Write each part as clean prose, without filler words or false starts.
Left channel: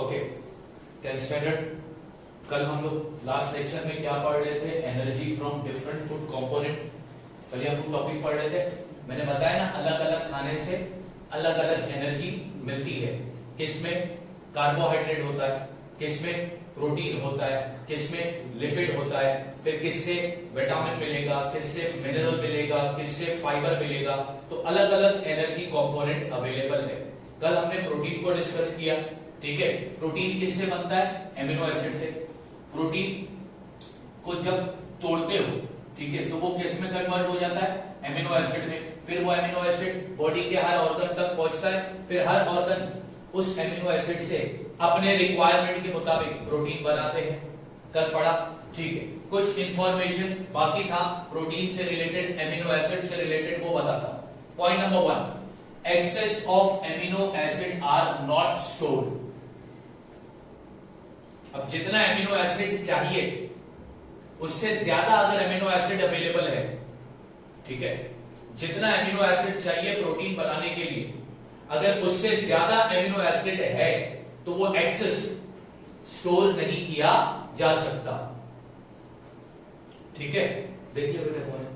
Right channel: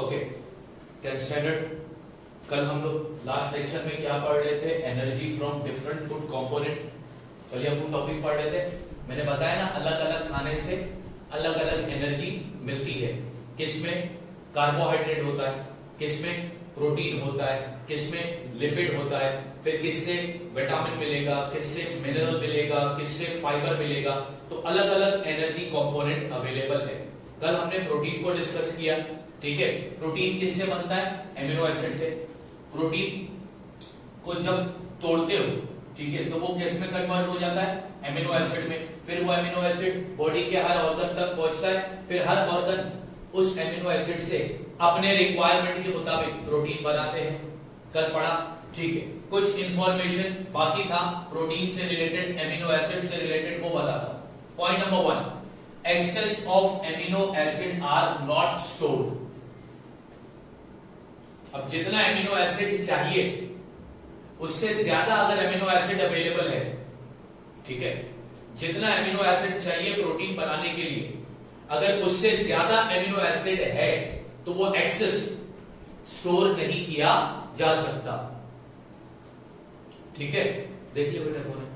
Okay, tenth standard. कल हम लोग लास्ट लेक्चर में क्या पढ़ रहे थे? Energy from different food component. कल हम टॉपिक पढ़ रहे थे, मैंने बताया ना, अलग अलग खाने से अलग अलग एनर्जी मिलती है। किसमें कार्बोहाइड्रेट होता है, किसमें प्रोटीन होता है, किसमें लिपिड होता है, फिर किससे विटामिन मिलेगा, किससे मिनरल मिलेगा, किससे फाइबर मिलेगा। तो अलग अलग एनर्जी कंपोनेंट अवेलेबल है। कल हमने प्रोटीन को डिस्कस किया, ठीक है। प्रोटीन किससे बनता है? एमिनो एसिड से। प्रोटीन को जब तोड़ते हो, ठीक है, तो वो किस में कन्वर्ट हो जाता है? एमिनो एसिड में। फिर वो एमिनो एसिड बॉडी के हर ऑर्गन तक पहुंचता है, फिर हर ऑर्गन उस एमिनो एसिड से अपने रिक्वायरमेंट के मुताबिक प्रोटीन बनाते हैं। कल पढ़ा, ठीक है। कुछ इंफॉर्मेशन बाकी था प्रोटीन से रिलेटेड, एमिनो एसिड से रिलेटेड, वो बताता। Point number 1, excess of amino acid are not stored. अब जितना एमिनो एसिड चाहिए उससे ज्यादा अगर एमिनो एसिड अवेलेबल है, ठीक है, जितना एमिनो एसिड चाहिए प्रोटीन बनाने के लिए, अगर उससे ज्यादा एमिनो एसिड है तो वो एक्सेस स्टोर नहीं किया जा सकता। ठीक है, देखिए बेटा कौन है।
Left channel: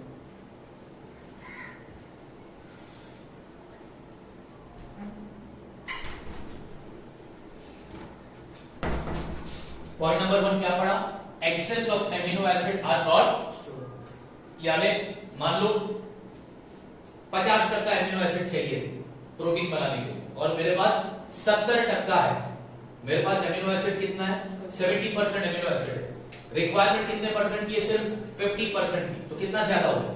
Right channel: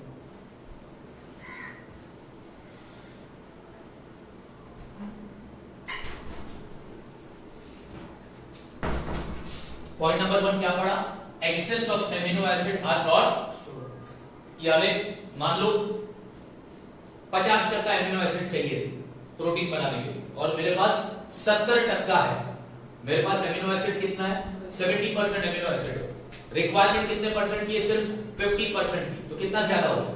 पॉइंट नंबर 1 क्या पढ़ा? Excess of amino acid are not stored. यानी मान लो 50% एमिनो एसिड चाहिए प्रोटीन बनाने के लिए और मेरे पास 70% है। मेरे पास एमिनो एसिड कितना है? 70% एमिनो एसिड है। रिक्वायरमेंट कितने परसेंट की है? सिर्फ 50% की। तो कितना ज्यादा हो गया?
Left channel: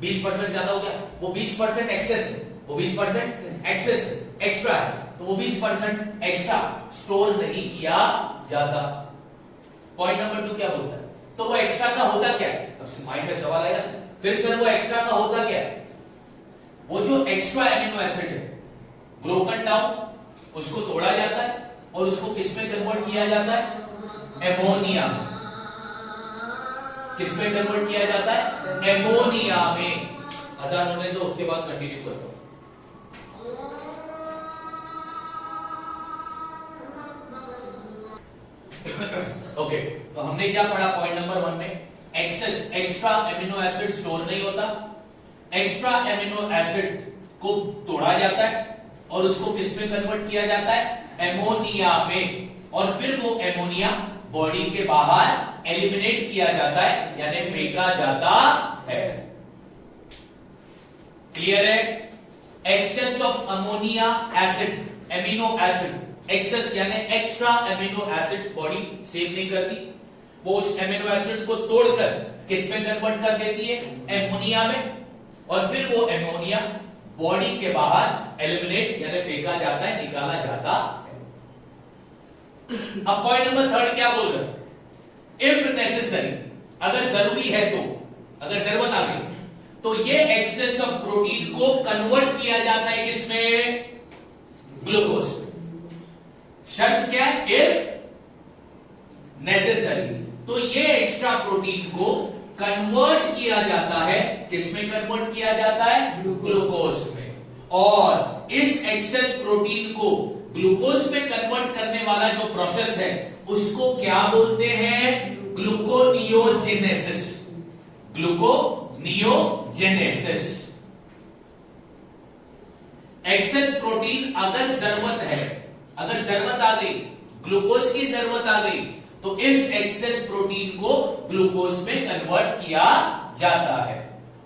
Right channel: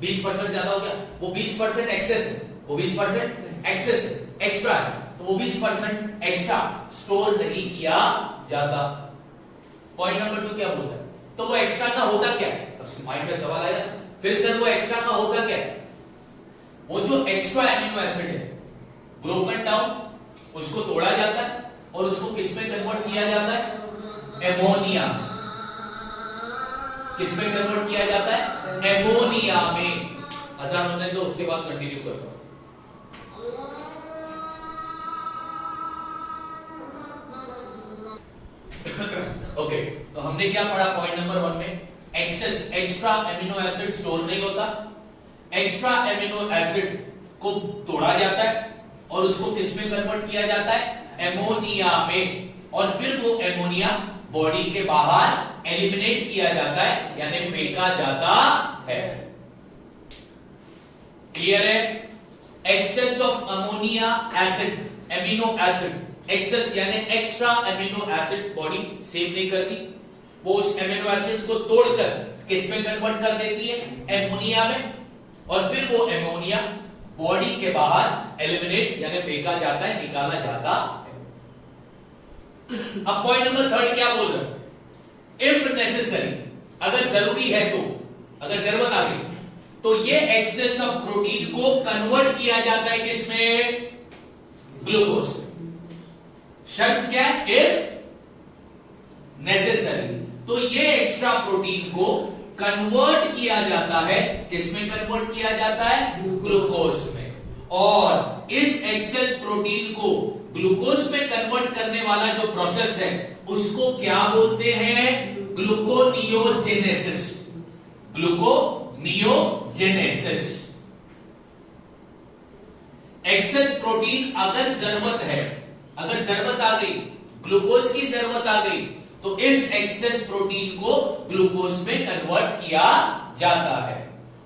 20% ज्यादा हो गया। वो 20% एक्सेस है, वो 20% एक्सेस है, एक्स्ट्रा है, तो वो 20% एक्स्ट्रा स्टोर नहीं किया जाता। पॉइंट नंबर 2 क्या बोलता है? तो वो एक्स्ट्रा का होता क्या है? अब माइंड में सवाल आएगा फिर से, वो एक्स्ट्रा का होता क्या है? वो जो एक्स्ट्रा एमिनो एसिड है ब्रोकन डाउन, उसको तोड़ा जाता है और उसको किसमें कन्वर्ट किया जाता है? एमोनिया। किसमें कन्वर्ट किया जाता है? एमोनिया में। आसान होने दो, उसके बाद कंटिन्यू करता हूं। ओके, तो हमने क्या पढ़ा पॉइंट नंबर 1 में? Excess, extra amino acid store नहीं होता। एक्स्ट्रा एमिनो एसिड को तोड़ा जाता है और उसको किसमें कन्वर्ट किया जाता है? एमोनिया में। और फिर वो एमोनिया बॉडी के बाहर एलिमिनेट किया जाता है, यानी फेंका जाता है। क्लियर है? Excess of ammonia acid, amino acid, excess यानी extra amino acid body save नहीं करती, वो उस एमिनो एसिड को तोड़कर किसमें कन्वर्ट कर देती है? एमोनिया में। और फिर वो एमोनिया बॉडी के बाहर एलिमिनेट यानी फेंका जाता है, निकाला जाता है। अब पॉइंट नंबर 3 क्या बोल रहा है? इफ नेसेसरी, अगर जरूरी है तो, अगर जरूरत आ गई तो ये एक्सेस ऑफ प्रोटीन को कन्वर्ट किया जाता है किसमें? ग्लूकोज। शर्त क्या है? If necessary. तो ये एक्स्ट्रा प्रोटीन को कन्वर्ट किया जाता है, किसमें कन्वर्ट किया जाता है? ग्लूकोज में। और इस एक्सेस प्रोटीन को ग्लूकोज में कन्वर्ट करने वाला जो प्रोसेस है उसको क्या बोलते हैं? ग्लूकोनियोजेनेसिस। ग्लूकोनियोजेनेसिस। एक्सेस प्रोटीन अगर जरूरत है, अगर जरूरत आ गई, ग्लूकोज की जरूरत आ गई, तो इस एक्सेस प्रोटीन को ग्लूकोज में कन्वर्ट किया जाता है।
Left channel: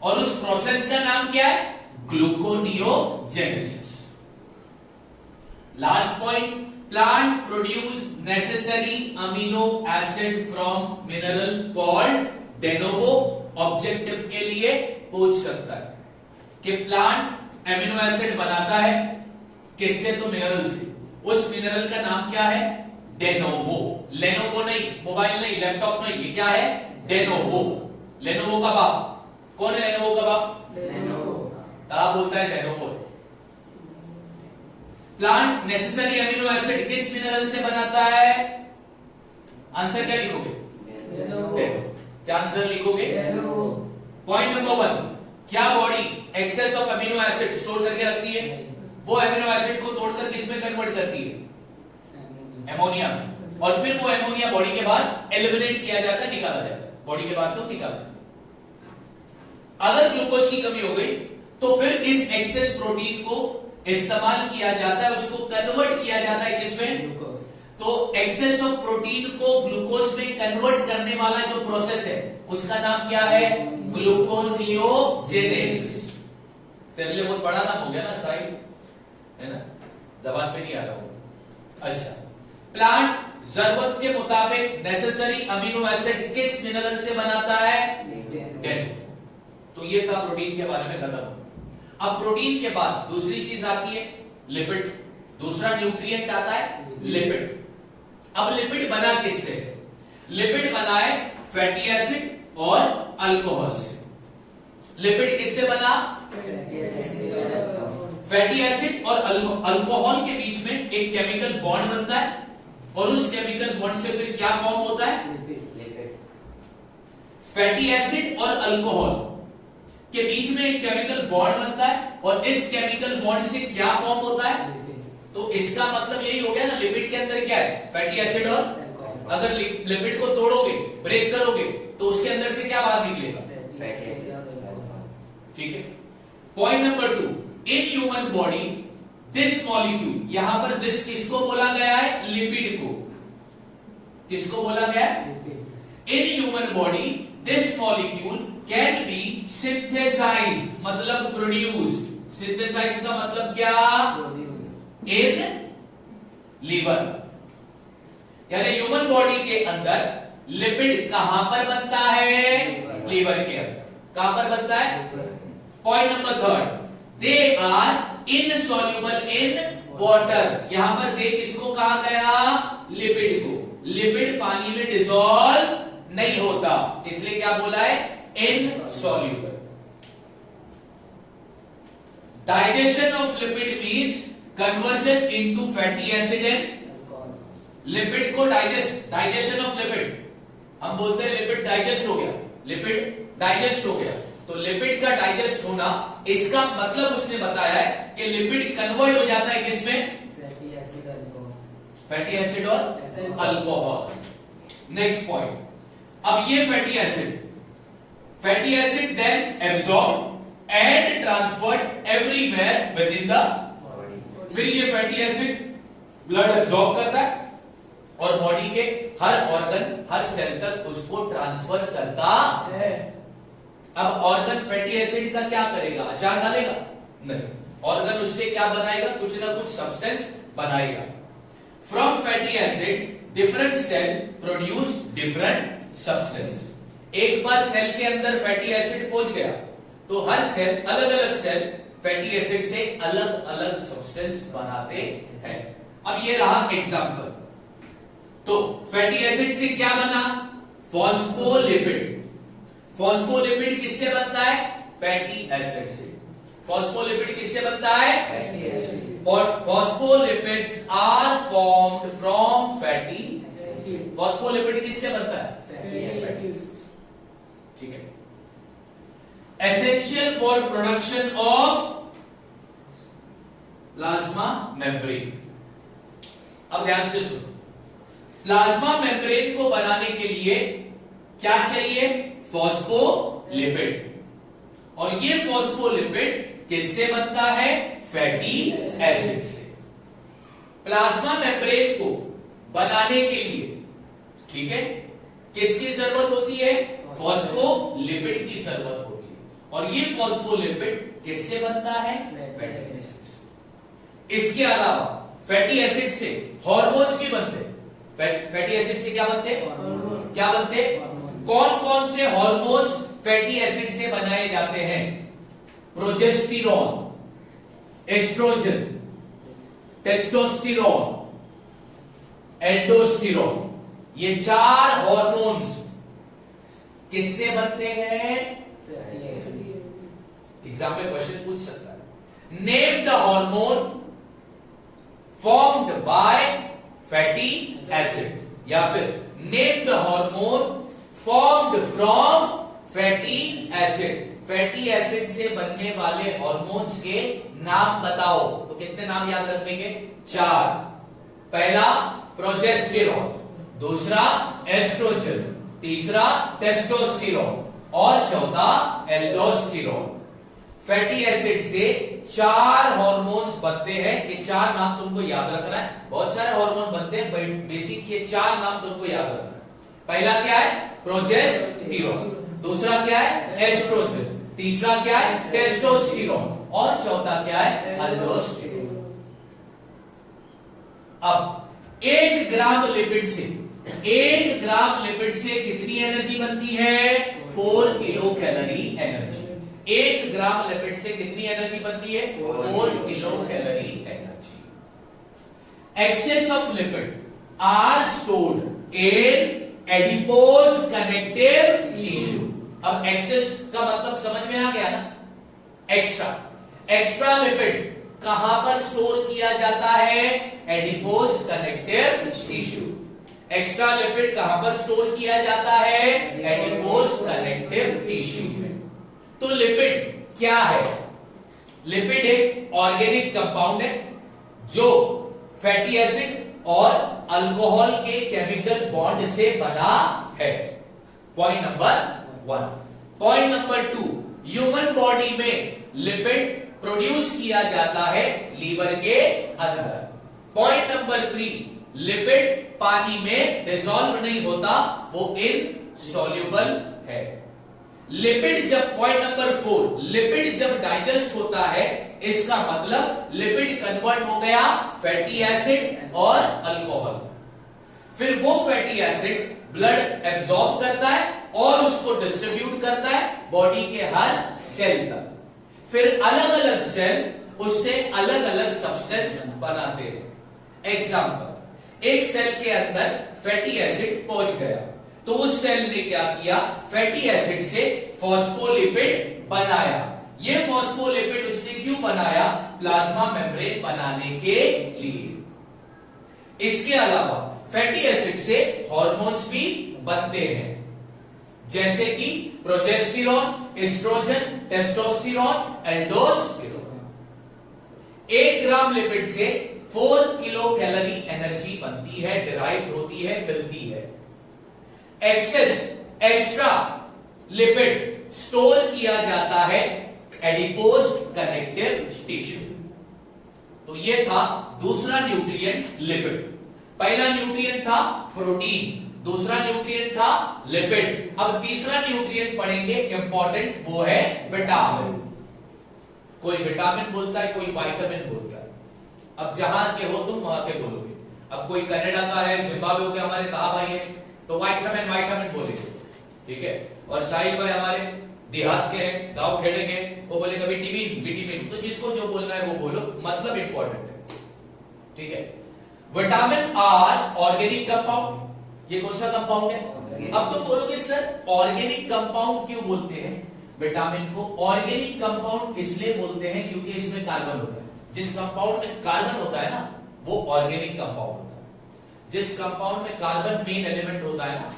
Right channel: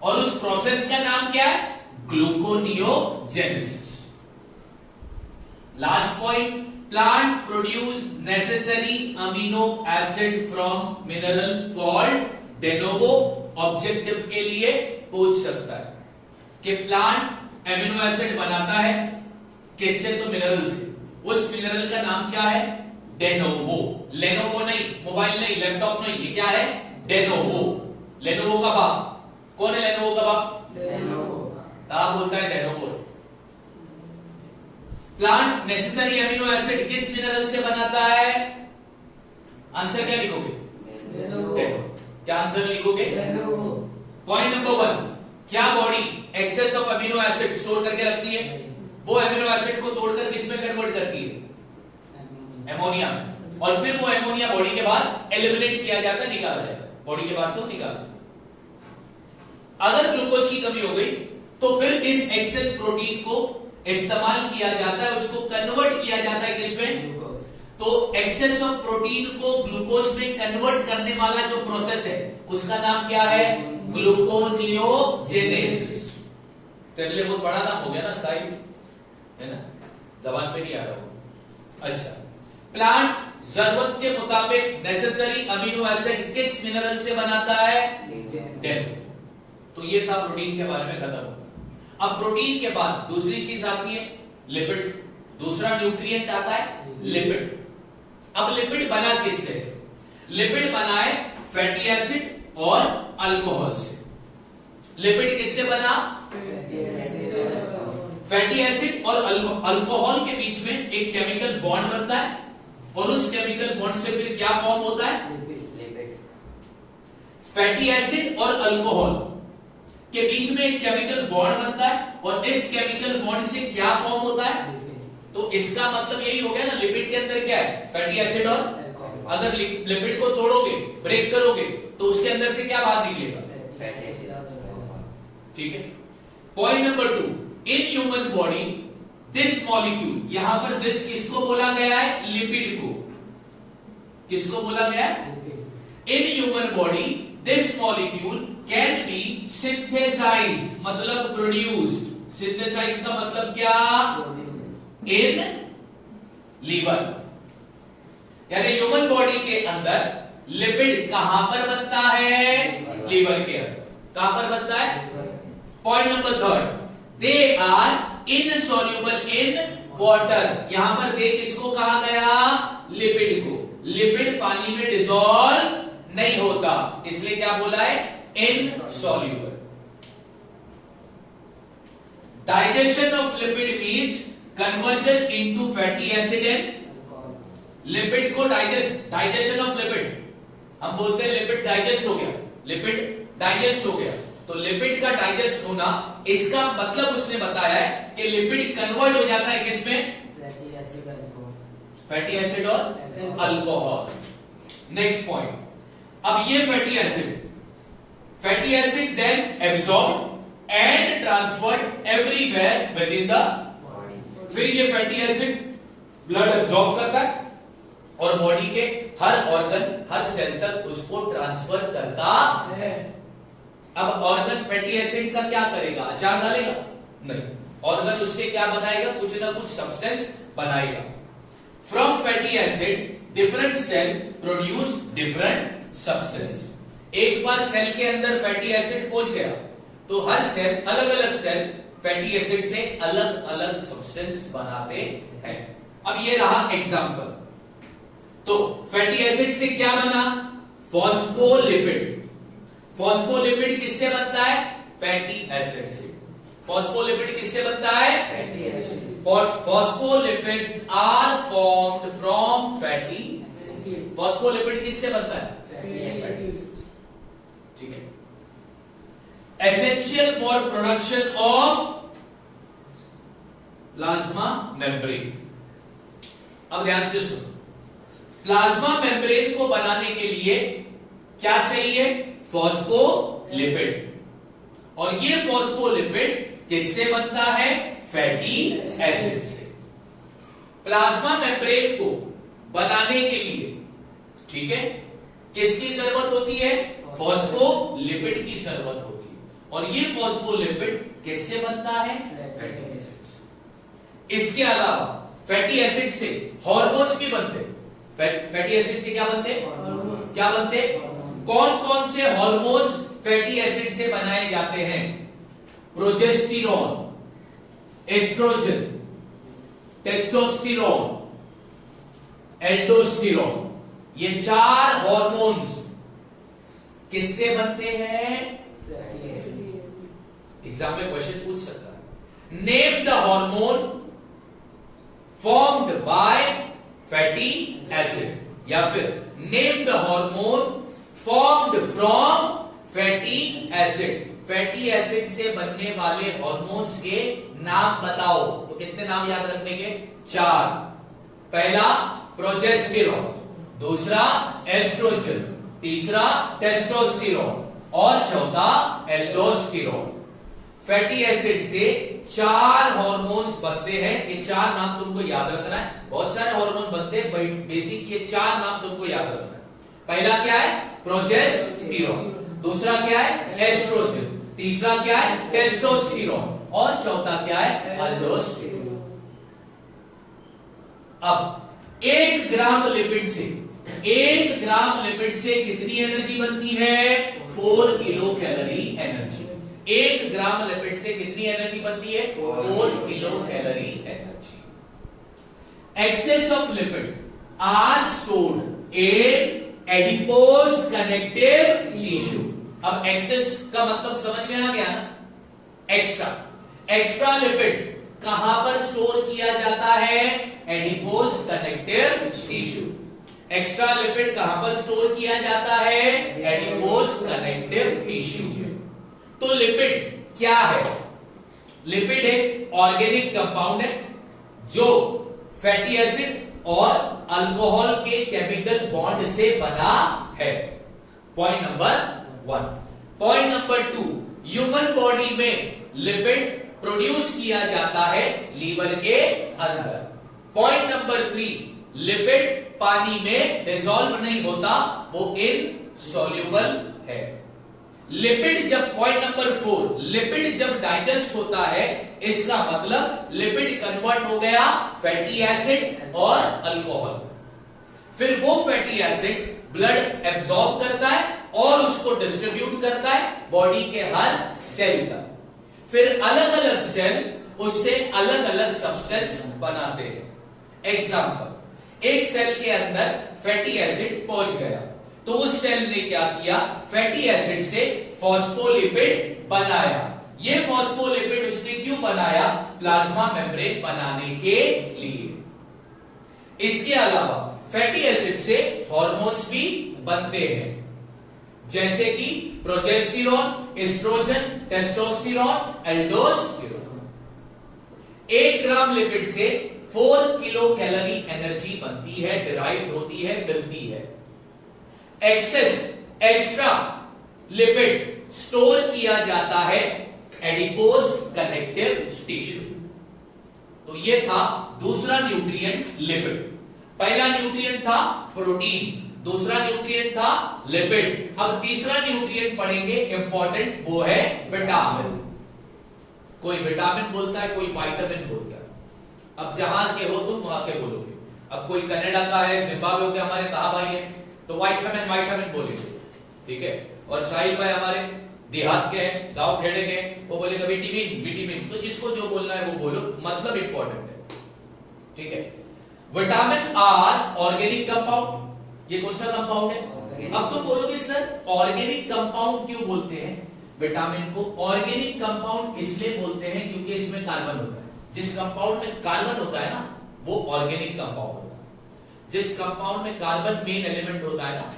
और उस प्रोसेस का नाम क्या है? Gluconeogenesis. Last point, plant produce necessary amino acid from mineral called de novo. Objective के लिए पूछ सकता है कि प्लांट एमिनो एसिड बनाता है किससे? तो मिनरल से। उस मिनरल का नाम क्या है? डेनोवो। लेनोवो नहीं, मोबाइल नहीं, लैपटॉप नहीं, ये क्या है? डेनोवो। लेनोवो का बाप कौन है? लेनोवो का बाप ता बोलता है डेनोवो। प्लांट नेसेसरी एमिनो एसिड किस मिनरल से बनाता है? आंसर क्या लिखोगे? क्या आंसर लिखोगे? पॉइंट नंबर 1, क्या body excess of amino acid store करके रखती है? वो एमिनो एसिड को तोड़कर किसमें कन्वर्ट करती है? एमोनिया में, और फिर वो एमोनिया बॉडी के बाहर एलिमिनेट किया जाता है, निकाला जाता है, बॉडी के बाहर से निकाला। अगर ग्लूकोज की कमी हो गई तो फिर इस एक्सेस प्रोटीन को इस्तेमाल किया जाता है, उसको कन्वर्ट किया जाता है किसमें? तो एक्सेस ऑफ प्रोटीन को ग्लूकोज में कन्वर्ट करने वाला जो प्रोसेस है उसका नाम क्या है? ग्लूकोनियोजेनेसिस। तेरे लिए बहुत बड़ा नाम हो गया ना, साइड है ना, जबान पे नहीं आ रहा हो। अच्छा, प्लांट जरूरत के मुताबिक नेसेसरी अमीनो एसिड किस मिनरल से बनाता है? लिग्निन। तो ये था प्रोटीन के बारे में, खत्म। अब प्रोटीन के बाद दूसरी चीज आती है लिपिड, दूसरा न्यूट्रिएंट आता है लिपिड। अब लिपिड बना किससे? लिपिड बना है फैटी एसिड और अल्कोहल से। लिपिड किससे बना? फैटी एसिड और अल्कोहल के बीच में एक केमिकल बॉन्ड बनता है, और उस केमिकल बॉन्ड से फिर क्या फॉर्म होता है? फैटी एसिड और अल्कोहल के बीच में एक केमिकल बॉन्ड बनता है, और इस केमिकल बॉन्ड से क्या फॉर्म होता है? तो इसका मतलब यही हो गया ना, लिपिड के अंदर क्या है? फैटी एसिड और, अगर लिपिड को तोड़ोगे, ब्रेक करोगे, तो उसके अंदर से क्या बाहर निकलेगा? ठीक है। Point number 2, in human body this molecule, यहां पर दिस किसको बोला गया है? लिपिड को। किसको बोला गया है? In human body this molecule can be synthesize, मतलब प्रोड्यूस्ड। सिंथेसाइज का मतलब क्या? इन लीवर, यानी ह्यूमन बॉडी के अंदर लिपिड कहां पर बनता है? लीवर के अंदर। कहां पर बनता है? Point number 3, they are insoluble in water. यहां पर दे किसको कहा गया? लिपिड को। लिपिड पानी में डिसॉल्व नहीं होता, इसलिए क्या बोला है? Insoluble. Digestion of lipid means conversion into fatty acid and lipid को डाइजेशन ऑफ लिपिड, हम बोलते हैं लिपिड डाइजेस्ट हो गया, लिपिड डाइजेस्ट हो गया। तो लिपिड का डाइजेस्ट होना, इसका मतलब उसने बताया है कि लिपिड कन्वर्ट हो जाता है किसमें? फैटी एसिड और अल्कोहल। नेक्स्ट पॉइंट, अब ये fatty acid then absorb and transferred everywhere within the, फिर ये फैटी एसिड ब्लड एब्सॉर्ब करता है और बॉडी के हर ऑर्गन, हर सेल तक उसको ट्रांसफर करता है। अब ऑर्गन फैटी एसिड का क्या करेगा? अचार डालेगा? नहीं, ऑर्गन उससे क्या बनाएगा? कुछ ना कुछ सब्सटेंस बनाएगा। From fatty acid different cell produce different substance. एक बार सेल के अंदर फैटी एसिड पहुंच गया तो हर सेल, अलग अलग सेल फैटी एसिड से अलग अलग सब्सटेंस बनाते हैं। अब ये रहा एग्जांपल। तो फैटी एसिड से क्या बना? फॉस्फोलिपिड। फॉस्फोलिपिड किससे बनता है? फैटी एसिड से। फॉस्फोलिपिड किससे बनता है? Fatty acid. Phospholipids are formed from fatty acid. Phospholipid किससे बनता है? Fatty acid. ठीक है। Essential for production of plasma membrane. अब ध्यान से सुनो, प्लाज्मा मेम्ब्रेन को बनाने के लिए क्या चाहिए? फॉस्फोलिपिड। और ये फॉस्फोलिपिड किससे बनता है? फैटी एसिड से। प्लाज्मा मेम्ब्रेन को बनाने के लिए, ठीक है, किसकी जरूरत होती है? फॉस्फोलिपिड की जरूरत होती है। और ये फॉस्फोलिपिड किससे बनता है? फैटी एसिड से। इसके अलावा फैटी एसिड से हार्मोन्स भी बनते हैं। फैटी एसिड से क्या बनते? क्या बनते? कौन कौन से हार्मोन्स फैटी एसिड से बनाए जाते हैं? Progesterone, oestrogen, testosterone, aldosterone. ये 4 हार्मोन्स किससे बनते हैं? एग्जाम में क्वेश्चन पूछ सकता है। Name the hormone formed by fatty acid, या फिर name the hormone formed from fatty acid. Fatty acid से बनने वाले हार्मोन्स के नाम बताओ। तो कितने नाम याद रखने के? 4। पहला प्रोजेस्टेरॉन, दूसरा एस्ट्रोजन, तीसरा टेस्टोस्टेरोन और चौथा एल्डोस्टेरोन। फैटी एसिड से 4 हार्मोन्स बनते हैं। ये 4 नाम तुमको याद रखना है। बहुत सारे हार्मोन बनते हैं, बेसिक ये 4 नाम तुमको याद रखना है। पहला क्या है? प्रोजेस्टेरॉन, दूसरा क्या है? एस्ट्रोजन, तीसरा क्या है? टेस्टोस्टेरोन और चौथा क्या है? एल्डोस्टेरोन। अब 1 ग्राम लिपिड से 1 ग्राम लिपिड से कितनी एनर्जी बनती है? 4 kilo calorie energy. 1 gram lipid से कितनी एनर्जी बनती है? 4 kilo calorie energy. Excess of lipid are stored in adipose connective tissue. अब एक्सेस का मतलब समझ में आ गया ना? एक्स्ट्रा लिपिड कहां पर स्टोर किया जाता है? Adipose connective tissue. Extra lipid कहां पर स्टोर किया जाता है? एडिपोज कनेक्टिव टिश्यू में। तो लिपिड क्या है? लिपिड एक ऑर्गेनिक कंपाउंड है जो फैटी एसिड और अल्कोहल के केमिकल बॉन्ड से बना है। Point number 1। Point number 2, human body में लिपिड प्रोड्यूस किया जाता है लीवर के अंदर। पॉइंट नंबर 3, लिपिड पानी में डिसॉल्व नहीं होता, वो इनसॉल्युबल है। लिपिड जब पॉइंट नंबर 4, लिपिड जब डाइजेस्ट होता है, इसका मतलब लिपिड कन्वर्ट हो गया फैटी एसिड और अल्कोहल। फिर वो फैटी एसिड ब्लड एब्सॉर्ब करता है और उसको डिस्ट्रीब्यूट करता है बॉडी के हर सेल तक। फिर अलग अलग सेल उससे अलग अलग सब्सटेंस बनाते हैं। एग्जाम्पल, एक सेल के अंदर फैटी एसिड पहुंच गया तो उस सेल ने क्या किया? फैटी एसिड से फॉस्फोलिपिड बनाया। ये फॉस्फोलिपिड उसने क्यों बनाया? प्लाज्मा मेम्ब्रेन बनाने के लिए। इसके अलावा फैटी एसिड से हार्मोन्स भी बनते हैं, जैसे कि progesterone, oestrogen, testosterone, aldosterone. 1 gram lipid से 4 किलो कैलोरी एनर्जी बनती है, डिराइव होती है, मिलती है। एक्स्ट्रा लिपिड स्टोर किया जाता है एडिपोज कनेक्टिव टिश्यू। तो ये था दूसरा न्यूट्रिएंट लिपिड। पहला न्यूट्रिएंट था प्रोटीन, दूसरा न्यूट्रिएंट था लिपिड। अब तीसरा न्यूट्रिएंट पढ़ेंगे इंपॉर्टेंट, वो है विटामिन। कोई विटामिन बोलता है, कोई विटामिन बोलता है। अब जहां के हो तुम वहां के बोलोगे। अब कोई कनाडा का है, जिम्बाब्वे के हमारे कहा भाई है, तो विटामिन बोलेंगे, ठीक है। और साहिल भाई हमारे देहात के हैं, गांव खेड़े के, वो बोलेगा विटामिन। तो जिसको जो बोलना है वो बोलो, मतलब इंपॉर्टेंट है, ठीक है। Vitamin are organic compound. ये कौन सा कंपाउंड है? अब तो बोलोगे सर ऑर्गेनिक कंपाउंड क्यों बोलते हैं विटामिन को? ऑर्गेनिक कंपाउंड इसलिए बोलते हैं क्योंकि इसमें कार्बन होता है। जिस कंपाउंड में कार्बन होता है ना, वो ऑर्गेनिक कंपाउंड होता है। जिस कंपाउंड में कार्बन मेन एलिमेंट होता है ना,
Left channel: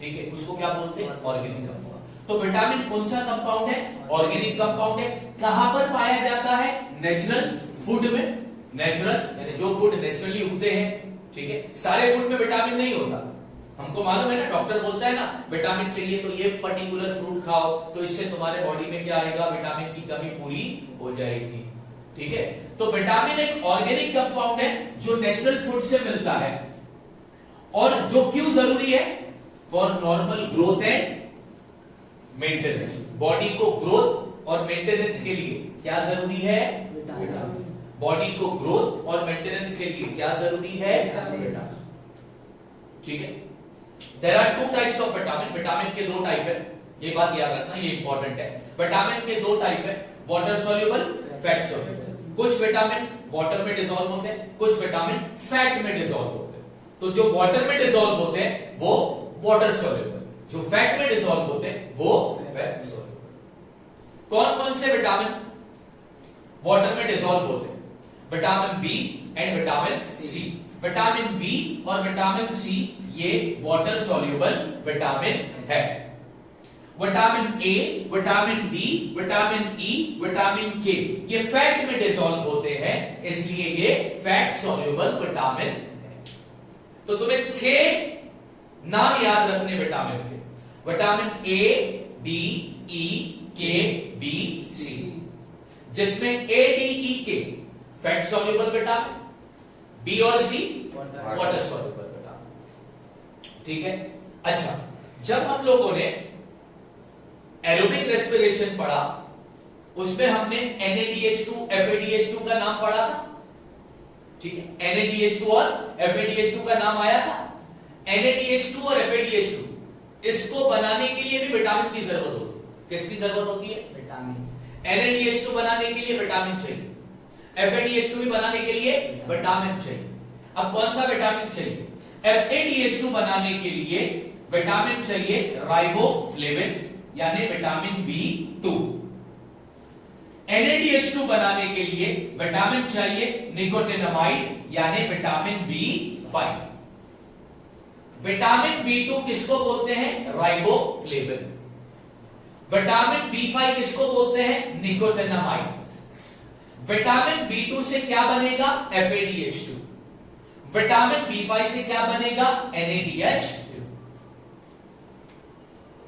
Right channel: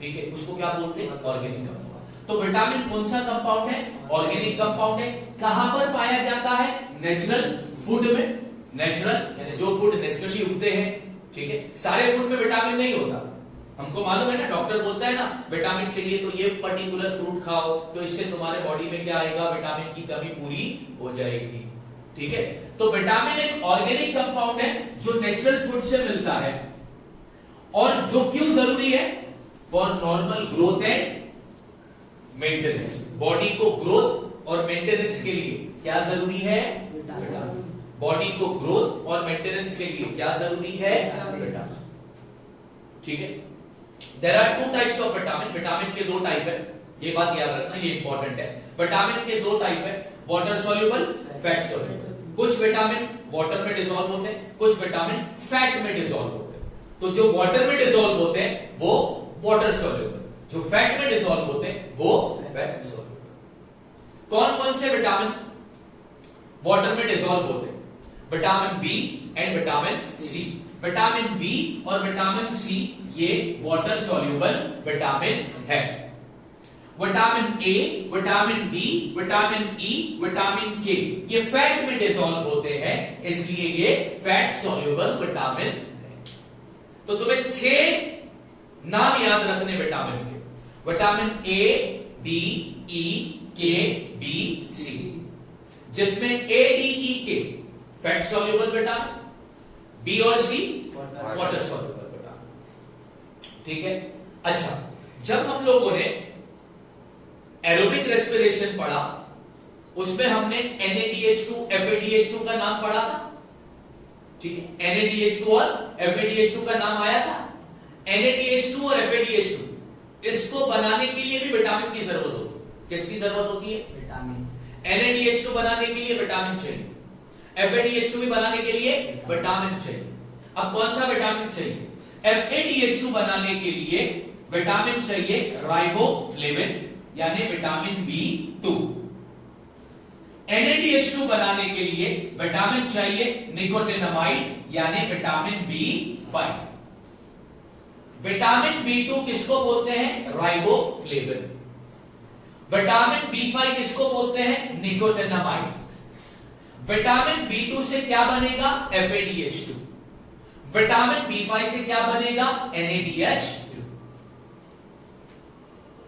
ठीक है, उसको क्या बोलते हैं? Organic compound. तो विटामिन कौन सा कंपाउंड है? ऑर्गेनिक कंपाउंड है। कहां पर पाया जाता है? नेचुरल फूड में। नेचुरल यानी जो फूड नेचुरली उगते हैं, ठीक है। सारे फूड में विटामिन नहीं होता, हमको मालूम है ना। डॉक्टर बोलता है ना विटामिन चाहिए तो ये पर्टिकुलर फ्रूट खाओ, तो इससे तुम्हारे बॉडी में क्या आएगा? विटामिन की कमी पूरी हो जाएगी, ठीक है। तो विटामिन एक ऑर्गेनिक कंपाउंड है जो नेचुरल फूड से मिलता है, और जो क्यों जरूरी है? For normal growth and maintenance. Body को ग्रोथ और मेंटेनेंस के लिए क्या जरूरी है? विटामिन। बॉडी को ग्रोथ और मेंटेनेंस के लिए क्या जरूरी है? विटामिन, ठीक है। There are 2 types of vitamin. Vitamin के 2 टाइप है, ये बात याद रखना, ये इंपॉर्टेंट है। विटामिन के 2 टाइप है, वाटर सॉल्युबल, फैट सॉल्युबल। कुछ विटामिन वाटर में डिसॉल्व होते हैं, कुछ विटामिन फैट में डिसॉल्व होते हैं। तो जो वाटर में डिसॉल्व होते हैं वो वाटर सॉल्युबल, जो फैट में डिसॉल्व होते हैं वो फैट सॉल्युबल। कौन कौन से विटामिन वाटर में डिसॉल्व होते हैं? Vitamin B and vitamin C. Vitamin B और विटामिन सी ये वाटर सॉल्युबल विटामिन है। Vitamin A, vitamin D, vitamin E, vitamin K ये फैट में डिसॉल्व होते हैं, इसलिए ये फैट सॉल्युबल विटामिन है। तो तुम्हें 6 नाम याद रखने विटामिन के। विटामिन ए, डी, ई, के, बी, सी, जिसमें ए, डी, ई, के फैट सॉल्युबल विटामिन, बी और सी वाटर सॉल्युबल विटामिन। ठीक है। अच्छा, जब हम लोगों ने एरोबिक रेस्पिरेशन पढ़ा उसमें हमने NaDH2 FADH2 का नाम पढ़ा था। ठीक है, NaDH2 और FADH2 का नाम आया था। NaDH2 और FADH2 इसको बनाने के लिए भी विटामिन की जरूरत होती है। किसकी जरूरत होती है? विटामिन। NaDH2 बनाने के लिए विटामिन चाहिए, FADH2 भी बनाने के लिए विटामिन चाहिए। अब कौन सा विटामिन चाहिए? FADH2 बनाने के लिए विटामिन चाहिए राइबोफ्लेविन यानी विटामिन B2। NaDH2 बनाने के लिए विटामिन चाहिए निकोटिनामाइड यानी विटामिन B5। विटामिन B2 किसको बोलते हैं? राइबोफ्लेविन। विटामिन B5 किसको बोलते हैं? निकोटिनामाइड। विटामिन B2 से क्या बनेगा? FADH2। विटामिन B5 से क्या बनेगा? NaDH2।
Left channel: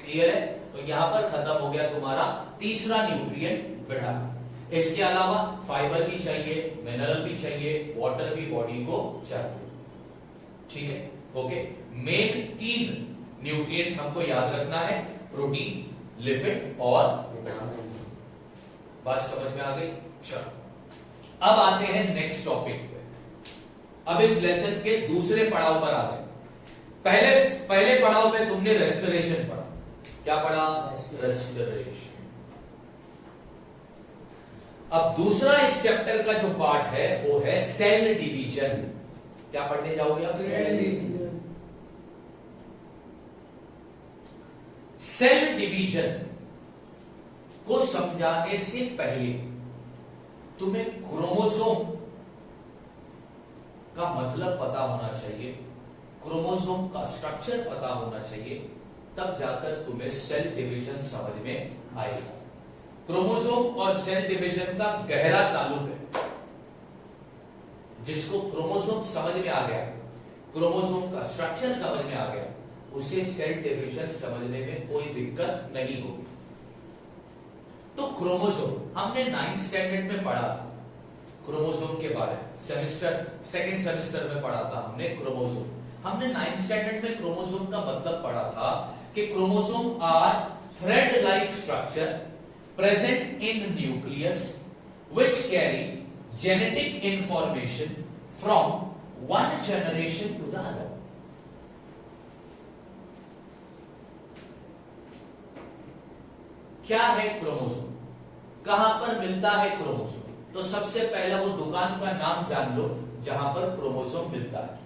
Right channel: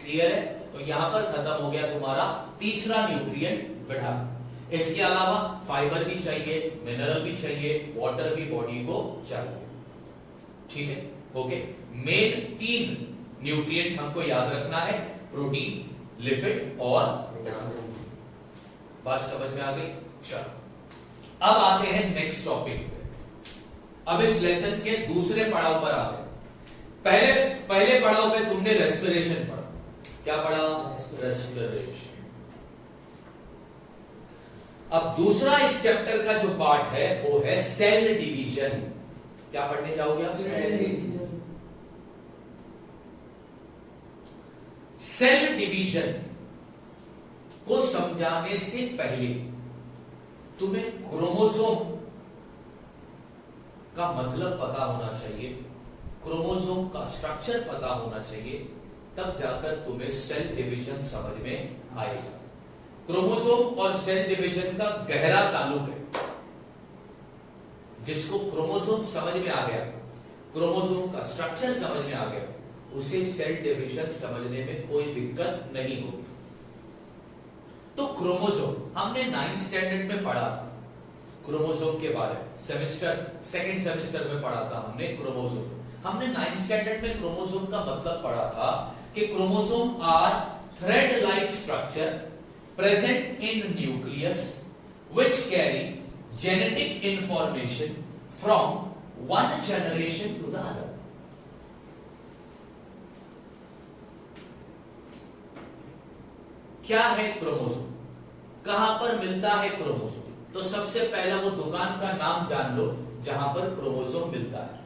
क्लियर है? तो यहां पर खत्म हो गया तुम्हारा तीसरा न्यूट्रिएंट विटामिन। इसके अलावा फाइबर भी चाहिए, मिनरल भी चाहिए, वाटर भी बॉडी को चाहिए। ठीक है, ओके। मेन 3 न्यूट्रिएंट हमको याद रखना है, प्रोटीन, लिपिड और विटामिन। बात समझ में आ गई? चलो अब आते हैं नेक्स्ट टॉपिक पे। अब इस लेसन के दूसरे पड़ाव पर आ गए। पहले पड़ाव पे तुमने रेस्पिरेशन पढ़ा। क्या पढ़ा? रेस्पिरेशन। अब दूसरा इस चैप्टर का जो पार्ट है वो है सेल डिवीजन। क्या पढ़ने जाओगे आप? Cell division. सेल डिवीजन को समझाने से पहले तुम्हें क्रोमोसोम का मतलब पता होना चाहिए, क्रोमोसोम का स्ट्रक्चर पता होना चाहिए, तब जाकर तुम्हें सेल डिवीजन समझ में आएगा। क्रोमोसोम और सेल डिवीजन का गहरा ताल्लुक है। जिसको क्रोमोसोम समझ में आ गया, क्रोमोसोम का स्ट्रक्चर समझ में आ गया, उसे सेल डिवीजन समझने में कोई दिक्कत नहीं होगी। तो क्रोमोसोम हमने 9th स्टैंडर्ड में पढ़ा था। क्रोमोसोम के बारे में सेकंड सेमेस्टर में पढ़ा था हमने क्रोमोसोम। हमने 9th स्टैंडर्ड में क्रोमोसोम का मतलब पढ़ा था कि chromosome are thread like structure present in nucleus which carry genetic information from one generation to the other. क्या है क्रोमोसोम? कहां पर मिलता है क्रोमोसोम? तो सबसे पहले वो दुकान का नाम जान लो जहां पर क्रोमोसोम मिलता है।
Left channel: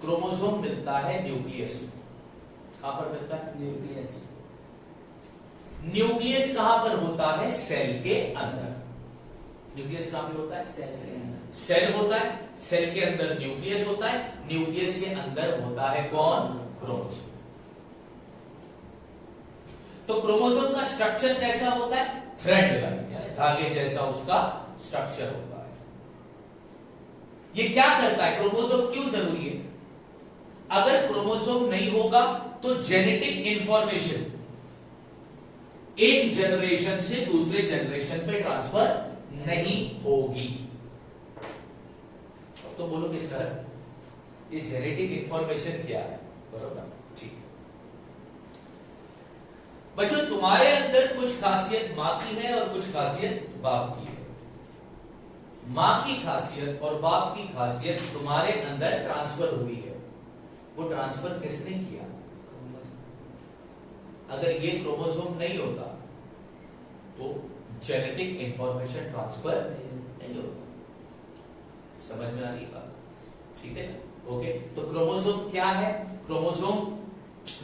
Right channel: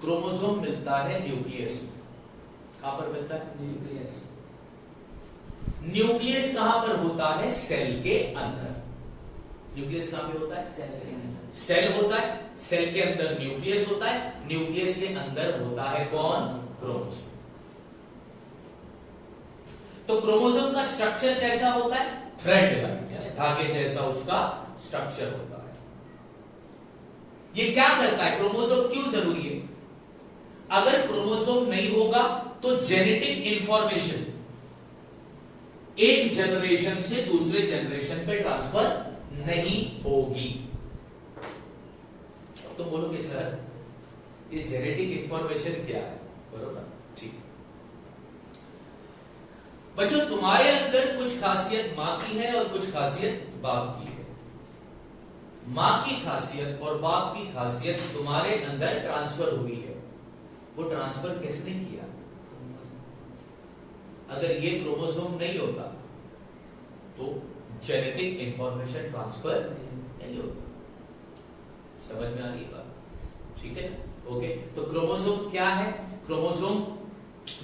क्रोमोसोम मिलता है न्यूक्लियस में। कहां पर मिलता है? न्यूक्लियस। न्यूक्लियस कहां पर होता है? सेल के अंदर। न्यूक्लियस कहां पे होता है? सेल के अंदर। सेल होता है, सेल के अंदर न्यूक्लियस होता है, न्यूक्लियस के अंदर होता है कौन? क्रोमोसोम। तो क्रोमोसोम का स्ट्रक्चर कैसा होता है? थ्रेड लाइक यानी धागे जैसा उसका स्ट्रक्चर होता है। ये क्या करता है? क्रोमोसोम क्यों जरूरी है? अगर क्रोमोसोम नहीं होगा तो जेनेटिक इंफॉर्मेशन एक जनरेशन से दूसरे जनरेशन पे ट्रांसफर नहीं होगी। तो बोलोगे सर ये जेनेटिक इंफॉर्मेशन क्या है? बरोबर, ठीक। बच्चों तुम्हारे अंदर कुछ खासियत मां की है और कुछ खासियत बाप की है। मां की खासियत और बाप की खासियत तुम्हारे अंदर ट्रांसफर हुई है। वो ट्रांसफर किसने किया? अगर ये क्रोमोसोम नहीं होता तो जेनेटिक इंफॉर्मेशन ट्रांसफर नहीं होता। समझ में आ रही बात? ठीक है, ओके। तो क्रोमोसोम क्या है? क्रोमोसोम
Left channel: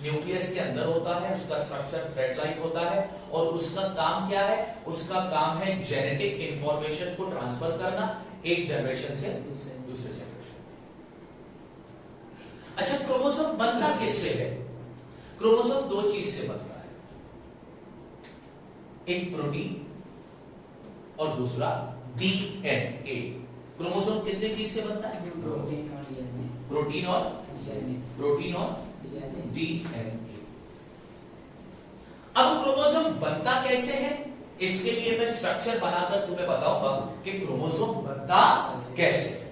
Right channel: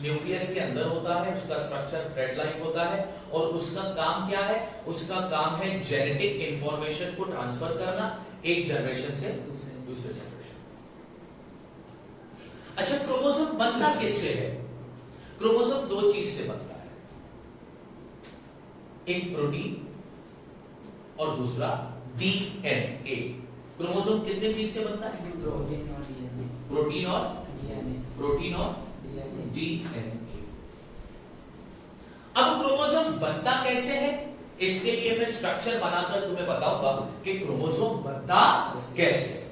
न्यूक्लियस के अंदर होता है, उसका स्ट्रक्चर थ्रेड लाइक होता है और उसका काम क्या है? उसका काम है जेनेटिक इंफॉर्मेशन को ट्रांसफर करना एक जनरेशन से दूसरे जनरेशन। अच्छा, क्रोमोसोम बनता किससे है? क्रोमोसोम दो चीज से बनता है, एक प्रोटीन और दूसरा डीएनए। क्रोमोसोम कितने चीज से बनता है? प्रोटीन और डीएनए। प्रोटीन और प्रोटीन और डीएनए। अब क्रोमोसोम बनता कैसे है, इसके लिए मैं स्ट्रक्चर बनाकर तुम्हें बताऊंगा कि क्रोमोसोम बनता कैसे है।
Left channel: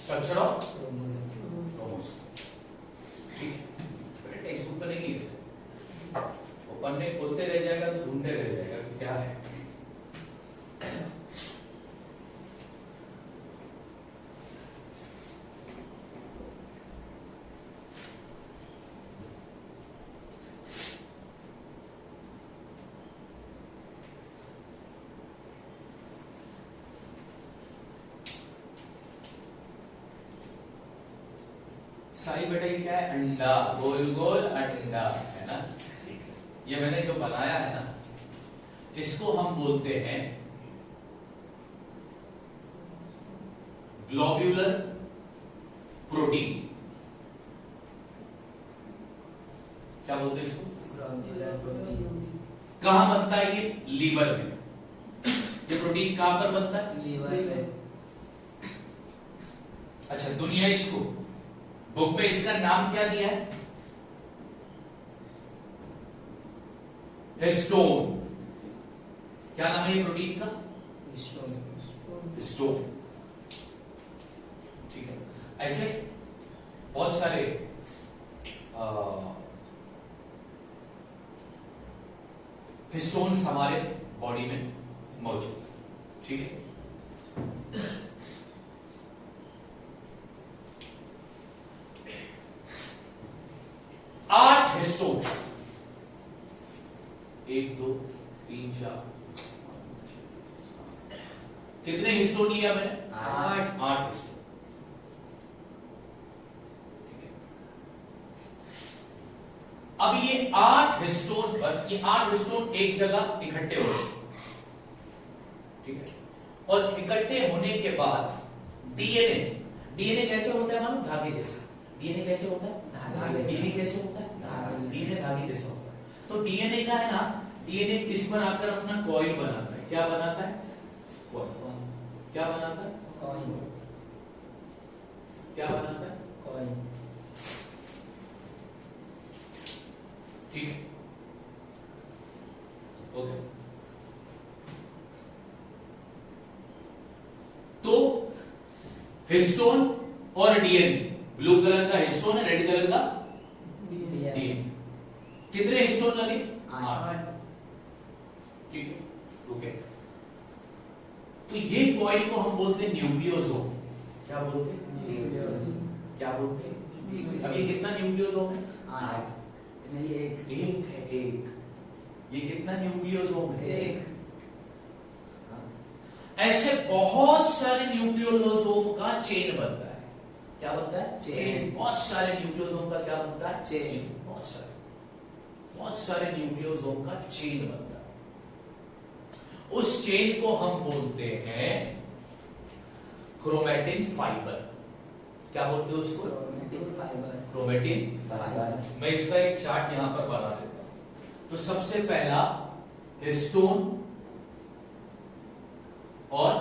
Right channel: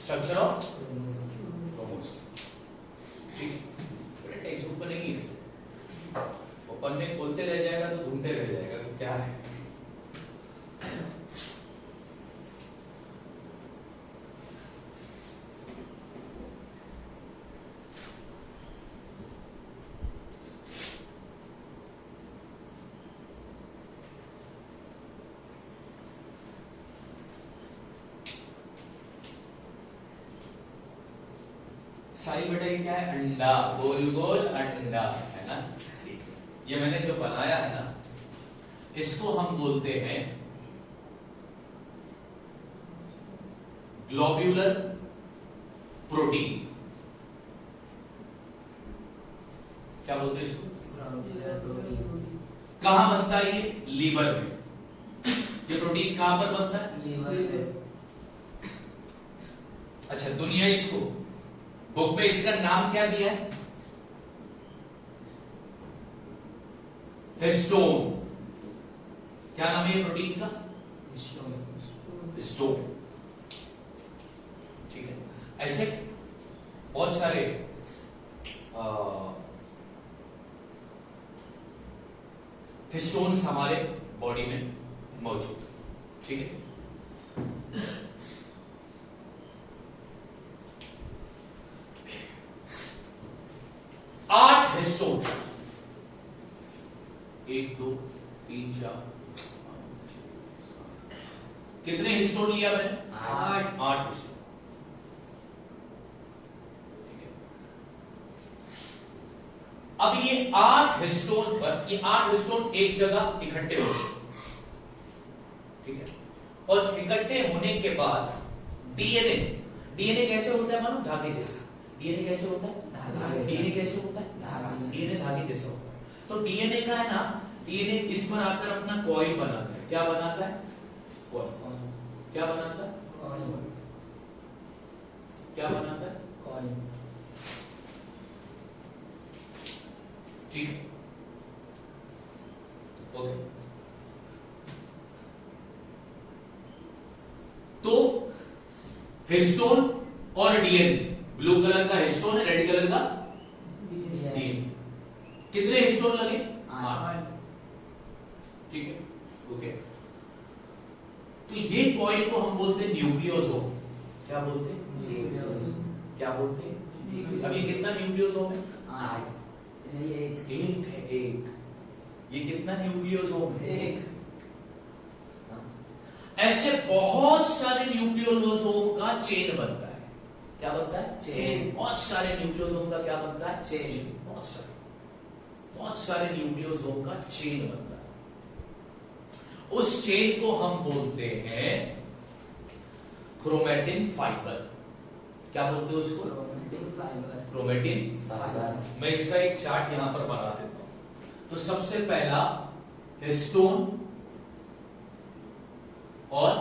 स्ट्रक्चर ऑफ क्रोमोसोम, ठीक है। टेक्स्ट बुक बनेगी इससे, और पन्ने खोलते रह जाएगा तो ढूंढते रह जाएगा कि क्या है। सारी बेटा ये क्या है, अंडा, गोल गोल अंडा, है ना, ठीक है। ये मैंने जो बनाया है ना, इसको हम बोलते हैं ग्लोब्यूलर प्रोटीन। क्या बोलते हैं इसको? कहां बनता है ये? लीवर में। ये प्रोटीन कहां पर बनता है? लीवर में। अच्छा, दुनिया इसको बुक में इसका नाम क्या दिया है? हिस्टोन। क्या नाम है ये प्रोटीन का? हिस्टोन, ठीक है। ऐसे बहुत सारे हिस्टोन्स हमारे बॉडी में मौजूद है, ठीक है। आठ हिस्टोन, 1 2 3 4 कितने हिस्टोन लिया मैंने? 8 हिस्टोन, ठीक है। अब ये 8 हिस्टोन पर, ये 8 हिस्टोन एक जगह इकट्ठे हो गए, ठीक है। और इकट्ठे होने के बाद डीएनए कैसे होता है? मानो धागे जैसा। डीएनए कैसे होता है? डीएनए कैसे होता है? डीएनए धागे जैसा होता है। तो डीएनए का है ना, डीएनए इस पर आकर अपना कॉइल बनाता है। क्या बनाता है? कॉइल। क्या बनाता है? कॉइल। क्या बनाता है? कॉइल, ठीक है, ओके। तो हिस्टोन और डीएनए, ब्लू कलर का हिस्टोन है, रेड कलर का डीएनए। कितने हिस्टोन लगे? 8, ठीक है, ओके। तो ये कॉइल को हम बोलते हैं न्यूक्लियोसोम। क्या बोलते हैं? क्या बोलते हैं? अब ये कितना न्यूक्लियोसोम है? 8 नहीं, एक है, एक। ये कितना न्यूक्लियोसोम है? 1। ऐसे बहुत सारे न्यूक्लियोसोम का चेन बनता है। क्या बनता है? चेन। बहुत सारे न्यूक्लियोसोम का क्या बनता है? चेन। बहुत सारे न्यूक्लियोसोम का चेन बनता है। उस चेन को हम बोलते हैं क्रोमेटिन फाइबर। क्या बोलते हैं उसको? Chromatin fibre. Chromatin fibre. मैं इसका एक चार्ट यहां पर बना देता हूं। तो सबसे पहला हिस्टोन और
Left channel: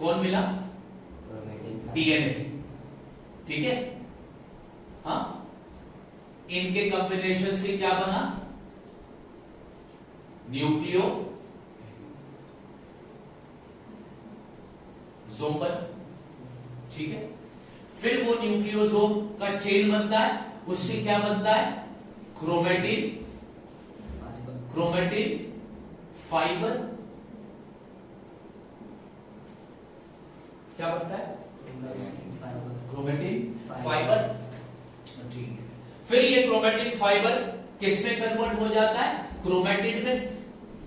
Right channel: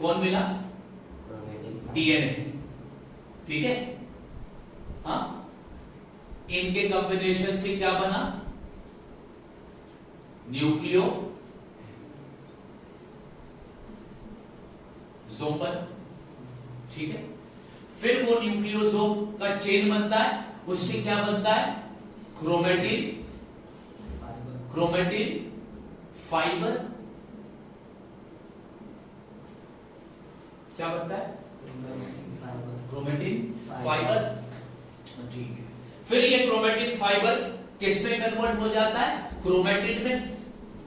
कौन मिला? डीएनए, ठीक है। हाँ, इनके कॉम्बिनेशन से क्या बना? जोम बना, ठीक है। फिर वो न्यूक्लियोसोम का चेन बनता है, उससे क्या बनता है, क्रोमेटिन, क्रोमेटिन फाइबर, क्या बनता है, क्रोमेटिन फाइबर, ठीक है। फिर ये क्रोमेटिन फाइबर किसमें कन्वर्ट हो जाता है, क्रोमेटिन में,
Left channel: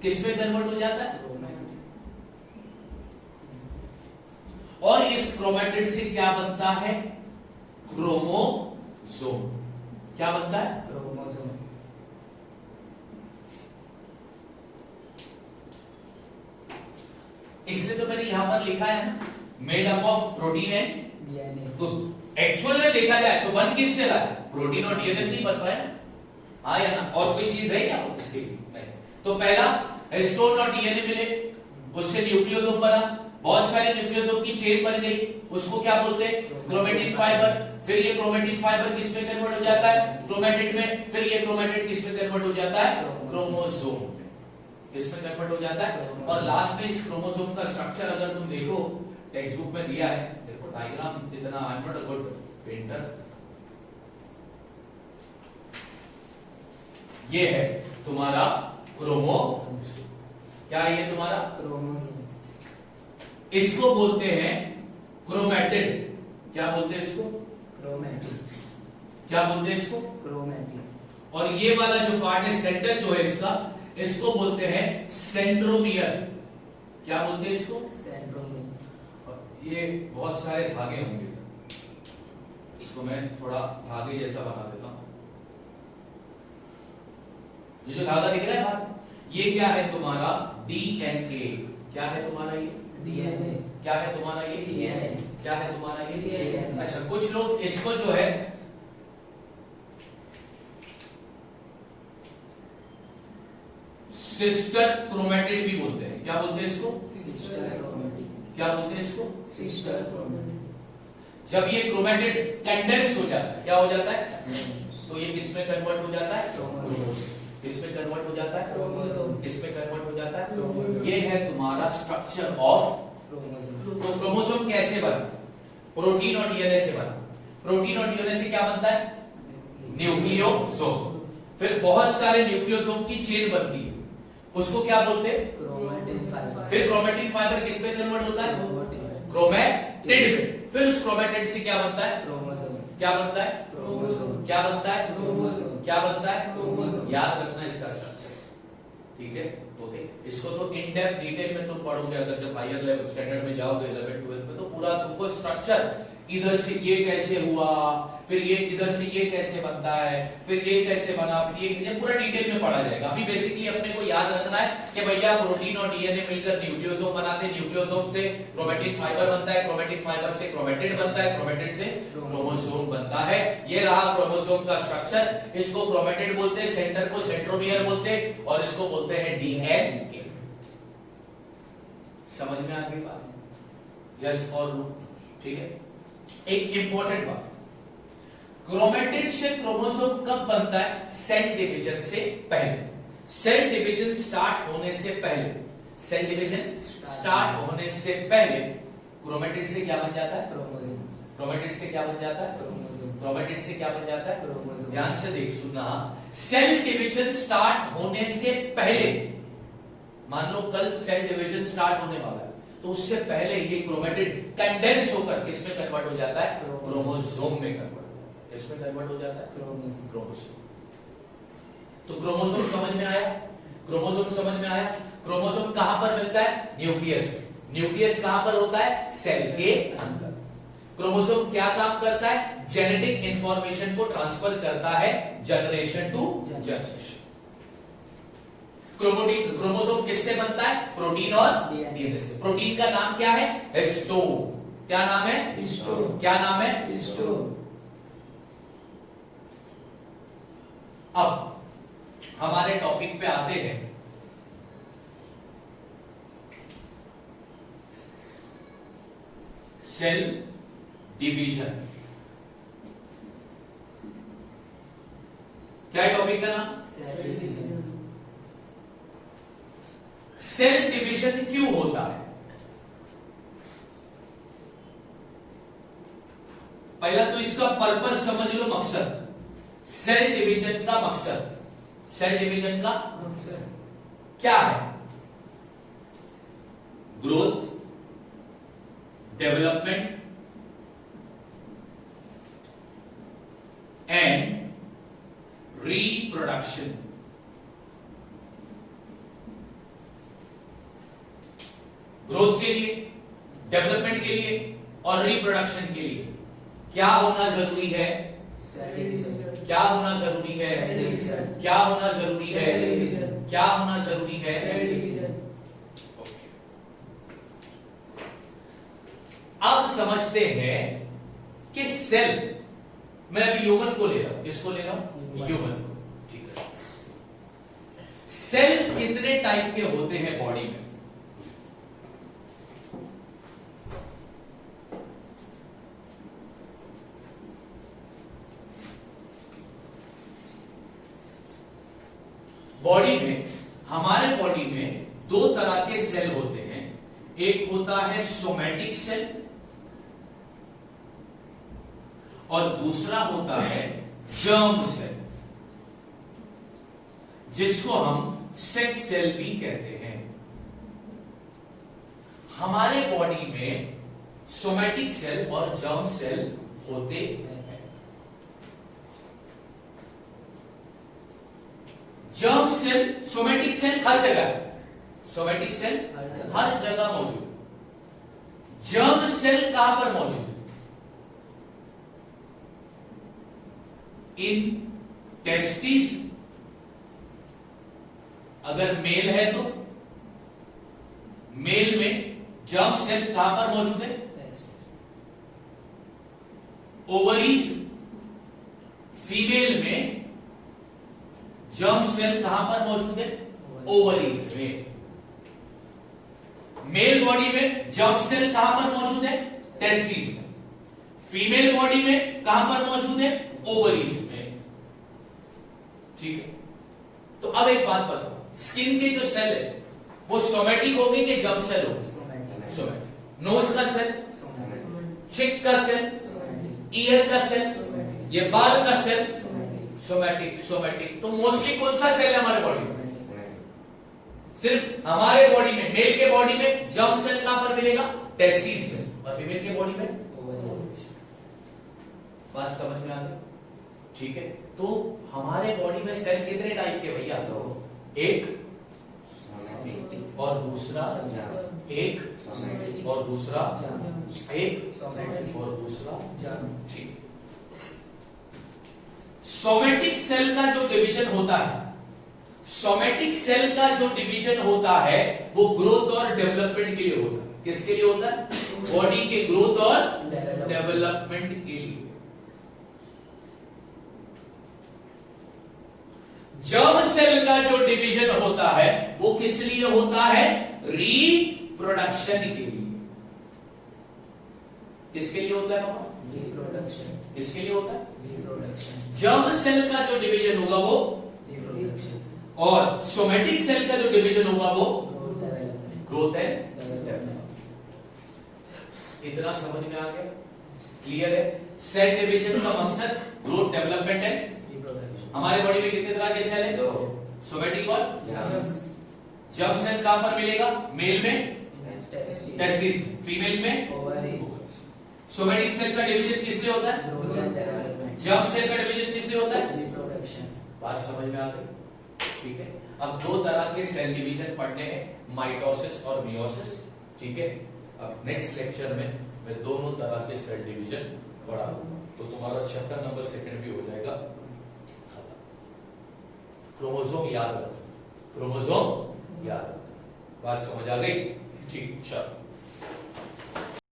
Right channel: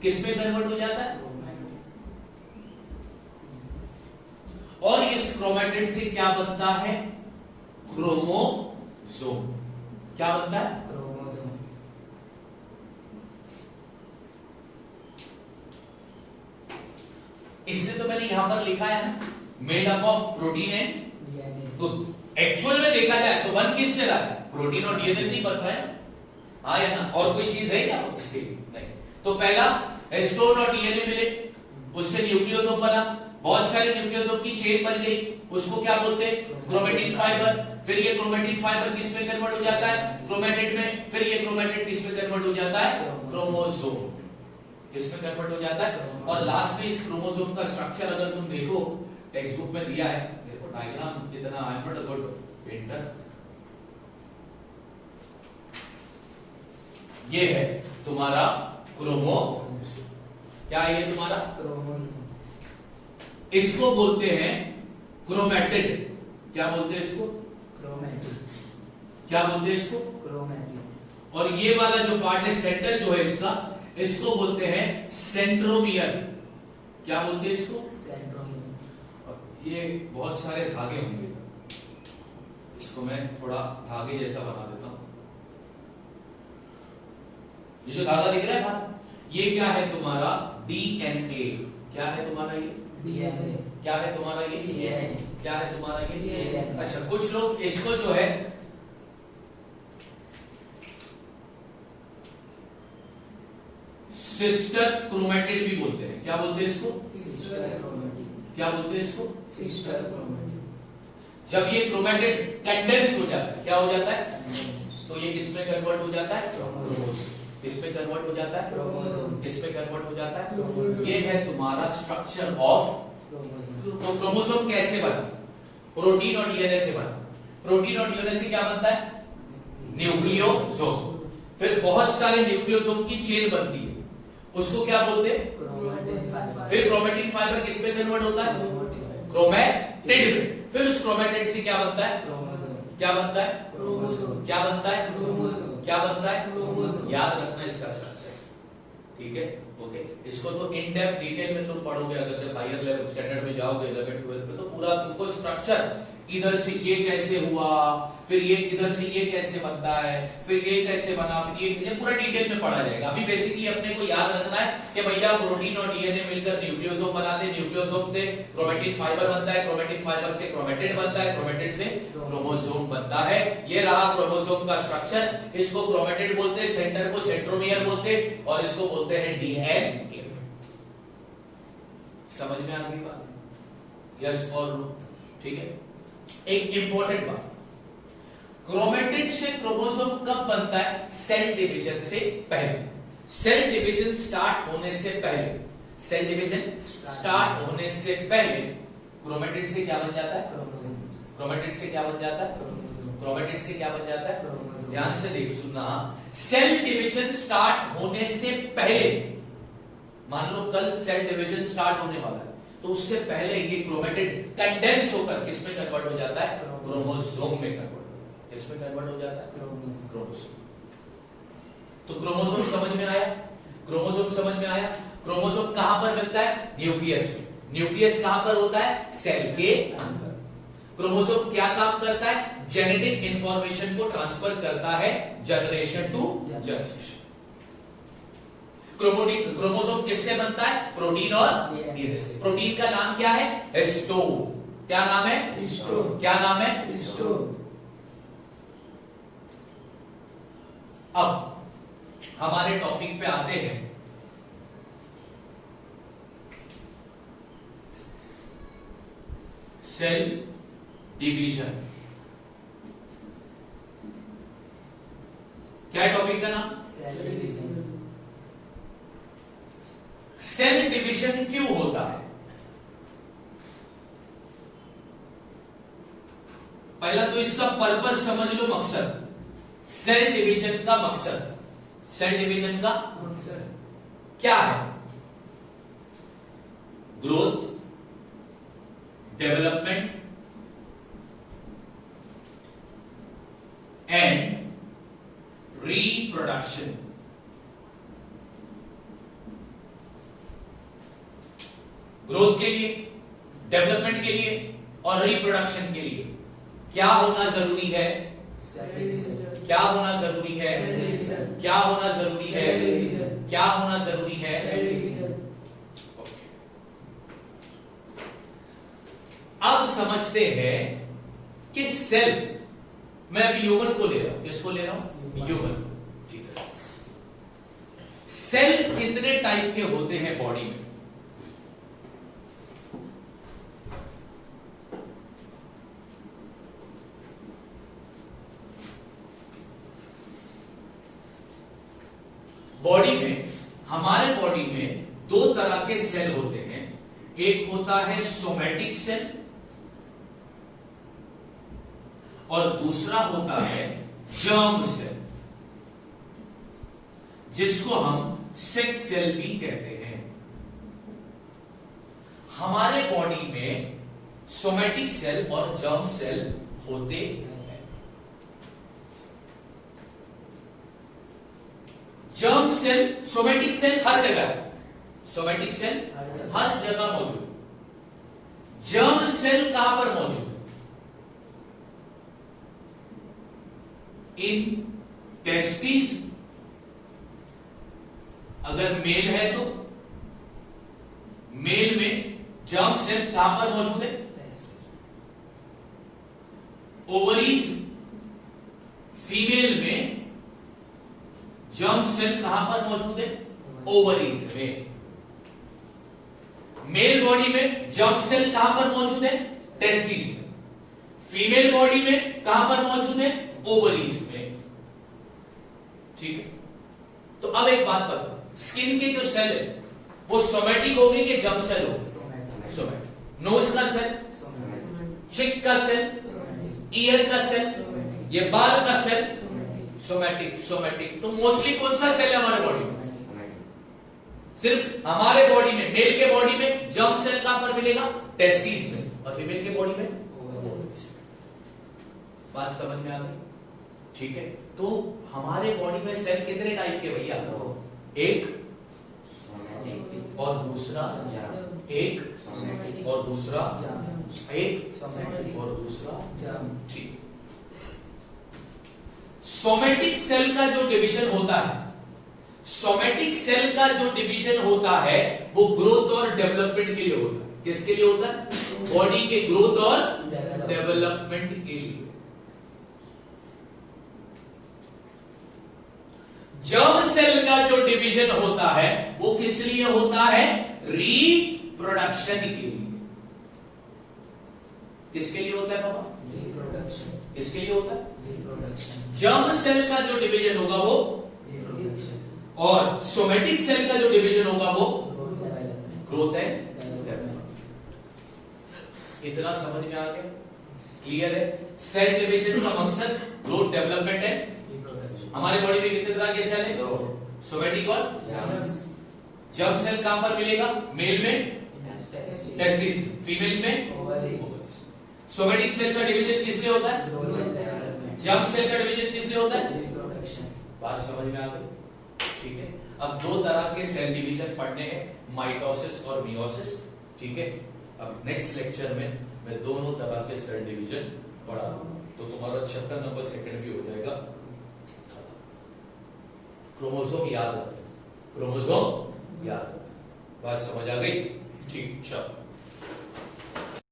किसमें कन्वर्ट हो जाता है, और इस क्रोमेटिन से क्या बनता है, क्रोमोसोम, क्या बनता है, क्रोमोसोम। इसलिए तो मैंने यहां पर लिखा है ना, made up of protein and, DNA. तो एक्चुअल में देखा जाए तो बन किससे रहा है, प्रोटीन और डीएनए से ही बन रहा है ना, हाँ या ना, और कोई चीज है क्या इसके लिए, नहीं। तो पहला हिस्टोन और डीएनए मिले, उससे न्यूक्लियोसोम बना, बहुत सारे न्यूक्लियोसोम की चेन बन गई, उसको क्या बोलते हैं, क्रोमेटिन फाइबर। फिर ये क्रोमेटिन फाइबर किसमें कन्वर्ट हो जाता है, क्रोमेटिड में। फिर ये क्रोमेटिड किसमें कन्वर्ट हो जाता है, क्रोमोसोम, इसमें कन्वर्ट हो जाता है। और लास्ट में इस क्रोमोसोम का स्ट्रक्चर अगर तुम देखो, टेक्स्ट बुक में दिया है, देखो डायग्राम इतना, I am not a good painter, ये है तुम्हारा क्रोमोसोम, क्या ये तुम्हारा, क्रोमोसोम। इसको बोलते हैं क्रोमेटिड, क्या बोलते हैं इसको, क्रोमेटिन, क्या बोलते हैं इसको, क्रोमेटिन। और ये वाला जो पार्ट है सेंटर जो है इसका, इसको बोलते हैं सेंट्रोमियर, क्या बोलते हैं इसको, सेंट्रोमियर। ये बहुत सारे धागे होंगे, इसको मैं थोड़ा धागे जैसा बना देता हूं। ये जो धागा दिख रहा है ना, ये क्या है तुम्हारा, डीएनए, क्या है तुम्हारा ये, डीएनए। क्या है तुम्हारा ये, डीएनए। क्या है तुम्हारा ये, डीएनए। अच्छा, कुछ लोग इसको जो है सिस्टर क्रोमेटिड भी बोलते हैं, क्या बोलते हैं इसको, सिस्टर क्रोमेटिन। क्या बोलते हैं इसको, सिस्टर क्रोमेटिन। जब ये क्रोमेटिड कंडेंस हो जाता है, क्या हो जाता है, तो ये किसमें कन्वर्ट हो जाता है, क्रोमोसोम। किसमें कन्वर्ट हो जाता है, क्रोमोसोम। किसमें कन्वर्ट हो जाता है, क्रोमोसोम। ये है तुम्हारा स्ट्रक्चर ऑफ, क्रोमोसोम। तो क्रोमोसोम कैसे बना, प्रोटीन और डीएनए से बना, प्रोटीन और डीएनए से क्या बनता है, न्यूक्लियोसोम। फिर बहुत सारे न्यूक्लियोसोम की चेन बनती है, उसको क्या बोलते हैं, क्रोमेटिन फाइबर। फिर क्रोमेटिन फाइबर किसमें कन्वर्ट होता है, क्रोमेटिन। क्रोमेटिड में। फिर उस क्रोमेटिड से क्या बनता है, क्रोमोसोम। क्या बनता है, क्रोमोसोम। क्या बनता है, क्रोमोसोम। क्या बनता है, क्रोमोसोम। याद रखना इसका स्ट्रक्चर, ठीक है, ओके। इसको तो इन डेप्थ डिटेल में तुम पढ़ोगे, अगर जब हायर लेवल स्टैंडर्ड में जाओगे 11 12 में, तो पूरा तुमको स्ट्रक्चर, इधर से ये कैसे हुआ, फिर ये इधर से ये कैसे बनता है, फिर ये कैसे बना, फिर ये पूरा डिटेल में पढ़ा जाएगा। अभी बेसिकली अपने को याद रखना है कि भैया प्रोटीन और डीएनए मिलकर न्यूक्लियोसोम बनाते हैं, न्यूक्लियोसोम से क्रोमेटिन फाइबर बनता है, क्रोमेटिन फाइबर से क्रोमेटिड बनता है, क्रोमेटिड से क्रोमोसोम बनता है। ये रहा क्रोमोसोम का स्ट्रक्चर, इसको क्रोमेटिड बोलते हैं, सेंटर को सेंट्रोमियर बोलते हैं, और इसको बोलते हैं डीएनए। समझ में आ गई बात, यस और नो, ठीक है। एक इंपॉर्टेंट बात, क्रोमेटिड से क्रोमोसोम कब बनता है, सेल डिवीजन से पहले। सेल डिवीजन स्टार्ट होने से पहले, सेल डिवीजन स्टार्ट होने से पहले क्रोमेटिड से क्या बन जाता है, क्रोमोसोम। क्रोमेटिड से क्या बन जाता है, क्रोमोसोम। क्रोमेटिड से क्या बन जाता है, क्रोमोसोम। ध्यान से देख सुनना, सेल डिवीजन स्टार्ट होने से पहले, मान लो कल सेल डिवीजन स्टार्ट होने वाला है, तो उससे पहले ये क्रोमेटिड कंडेंस होकर किसमें कन्वर्ट हो जाता है, क्रोमोसोम में कन्वर्ट, किसमें कन्वर्ट हो जाता है, क्रोमोसोम। क्रोमोसोम। तो क्रोमोसोम समझ में आया, क्रोमोसोम समझ में आया। क्रोमोसोम कहां पर मिलता है, न्यूक्लियस में। न्यूक्लियस कहां पर होता है, सेल के अंदर। क्रोमोसोम क्या काम करता है, जेनेटिक इंफॉर्मेशन को ट्रांसफर करता है जनरेशन टू जनरेशन। क्रोमोसोम किससे बनता है, प्रोटीन और डीएनए से। प्रोटीन का नाम क्या है, हिस्टोन। क्या नाम है, हिस्टोन। क्या नाम है, हिस्टोन। अब हमारे टॉपिक पे आते हैं। सेल डिवीजन, क्या है टॉपिक का नाम, सेल डिवीजन। सेल डिवीजन क्यों होता है, पहला तो इसका पर्पस समझ लो, मकसद, सेल डिवीजन का मकसद, सेल डिवीजन का क्या है? Growth, development and reproduction. Growth के लिए, डेवलपमेंट के लिए और रिप्रोडक्शन के लिए क्या होना जरूरी है? क्या होना जरूरी है? क्या होना जरूरी है? क्या होना जरूरी है? अब समझते हैं कि सेल, मैं अभी ह्यूमन को ले रहा हूं, किसको ले रहा हूं? ह्यूमन। ठीक है, सेल कितने टाइप के होते हैं बॉडी में? बॉडी में, हमारे बॉडी में दो तरह के सेल होते हैं। एक होता है सोमैटिक सेल और दूसरा होता है जर्म सेल, जिसको हम सेक्स सेल भी कहते हैं। हमारे बॉडी में सोमैटिक सेल और जर्म सेल होते हैं। जर्म सेल, सोमैटिक सेल हर जगह है, सोमैटिक सेल हर जगह मौजूद। जर्म सेल कहां पर मौजूद? इन टेस्टिस, अगर मेल है तो मेल में जर्म सेल कहां पर मौजूद है? ओवरीज। फीमेल में जर्म सेल कहां पर मौजूद है? ओवरीज में। मेल बॉडी में जर्म सेल कहां पर मौजूद है? टेस्टिस में। फीमेल बॉडी में कहां पर मौजूद है? ओवरीज में। ठीक है, तो अब एक बात बताओ, स्किन के जो सेल है वो सोमैटिक होगी कि जर्म सेल होगी? सोमैटिक। नोज का सेल, चिक का सेल, ईयर का सेल, ये बाल का सेल, सोमैटिक। सोमैटिक। तो मोस्टली कौन सा सेल है हमारे बॉडी में? सिर्फ हमारे बॉडी में, मेल के बॉडी में जर्म सेल कहां पर मिलेगा? टेस्टिस में। और फीमेल के बॉडी में? बात समझ में आ गई? ठीक है, तो हमारे बॉडी में सेल कितने टाइप के भैया? एक और दूसरा, एक और दूसरा, एक और दूसरा। ठीक। सोमैटिक सेल का जो डिवीजन होता है, सोमैटिक सेल का जो डिवीजन होता है वो ग्रोथ और डेवलपमेंट के लिए होता है। किसके लिए होता है? बॉडी के ग्रोथ और डेवलपमेंट के लिए। जर्म सेल का जो डिवीजन होता है वो किस लिए होता है? रिप्रोडक्शन के लिए। किसके लिए होता है पापा? रिप्रोडक्शन। किसके लिए होता है? रिप्रोडक्शन। जर्म सेल का जो डिवीजन होगा वो रिप्रोडक्शन। और सोमैटिक सेल का जो डिवीजन होगा वो ग्रोथ है। इतना समझ में आ गया? क्लियर है? सेल डिवीजन का मकसद ग्रोथ, डेवलपमेंट है। हमारे बॉडी में कितने तरह के सेल है? सोमैटिक और जर्म सेल कहां पर मिलेगा? मेल में टेस्टिस, फीमेल में ओवरीज। सोमैटिक सेल का डिवीजन किस लिए होता है? जर्म सेल का डिवीजन किस लिए होता है? रिप्रोडक्शन। बात समझ में आ गई? ठीक है, अब दो तरह के सेल डिवीजन पढ़ने हैं, माइटोसिस और मियोसिस। ठीक है, अब नेक्स्ट लेक्चर में मैं दोनों तरह के सेल डिवीजन पढ़ा, तो तुम्हारा चैप्टर नंबर 2 भी हो जाएगा। क्रोमोसोम याद रखो, क्रोमोसोम याद रखो। बात समझ आ गई? ठीक, चलो।